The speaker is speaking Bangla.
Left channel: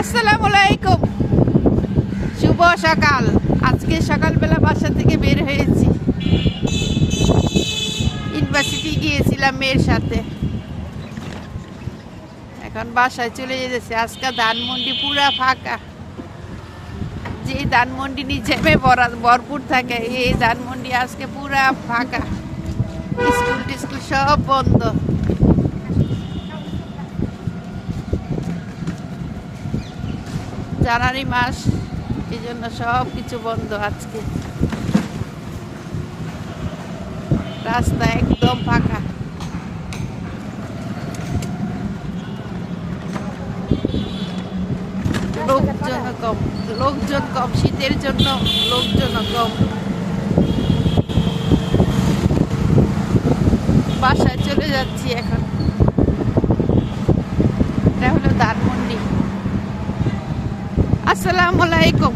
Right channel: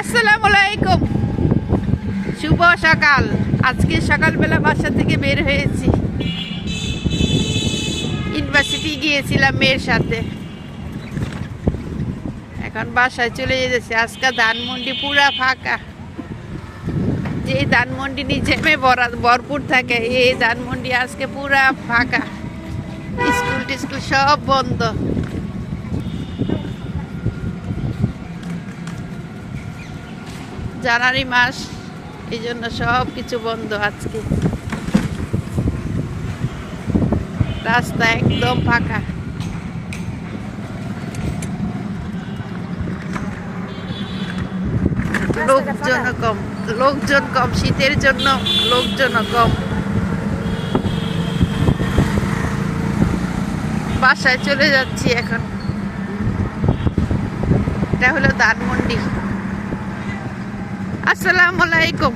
আসসালামু আলাইকুম, শুভ সকাল। আজকে সকালবেলা বাসা থেকে বের হয়েছি, ইউনিভার্সিটি গিয়েছিলাম মেয়ের সাথে। এখন বাসায় চলে যেতেছে। আজকে ধানমন্ডি পুরা ফাঁকা। যে ধানমন্ডি নিচে ভরপুর থাকে, এই ধানমন্ডি আজকে পুরা ফাঁকা। স্কুল টিস্কুল সব বন্ধ। জানুয়ারি মাস, এই জন্য সব কিছু বন্ধ আজকে। রাস্তা একদম ফাঁকা। লোকজন কম, শীতের জন্য লোকজন কম। বাসায় চলে যাচ্ছি এখন। এটা হলো ধানমন্ডি। আসসালামু আলাইকুম।